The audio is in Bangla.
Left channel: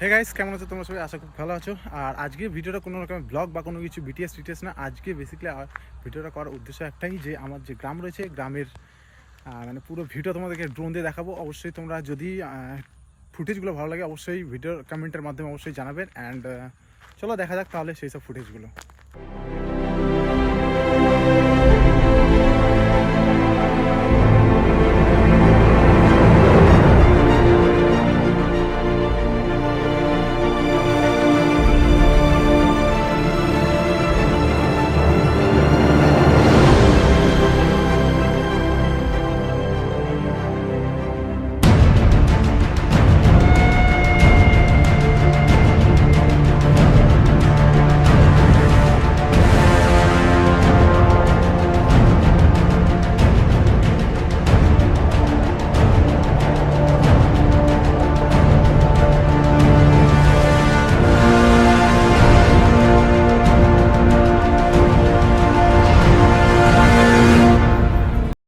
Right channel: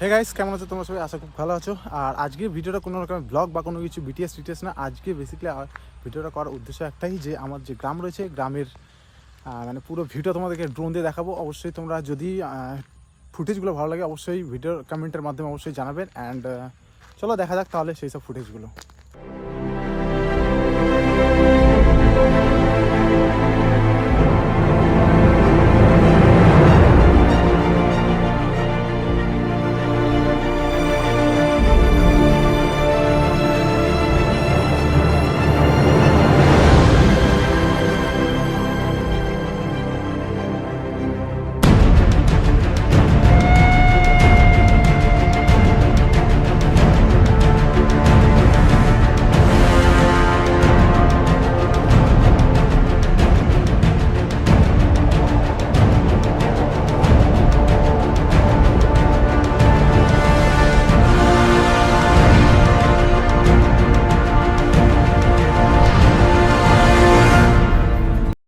হে গাইস, কেমন আছো তোমরা সবাই? আশা খুব ভালো আছো। আর আজকে ভিডিওটা কোনো রকম ব্লগ বা কোনো কিছু বিটিএস না। আজকে বেসিক্যালি ভিডিওটা করার উদ্দেশ্য একটাই, যে আমার যে গ্রাম রয়েছে, গ্রামের মানে পুরো ভিডিও তোমাদেরকে ড্রোন দিয়ে দেখাবো। অবশ্যই তোমরা যদি ফুটেজগুলো ভালো লাগে অবশ্যই ভিডিও কমেন্টের মাধ্যমে অবশ্যই জানাবেন। অ্যান্ড চলো দেখা যাক তাহলে সেই সব ফুটেজগুলো।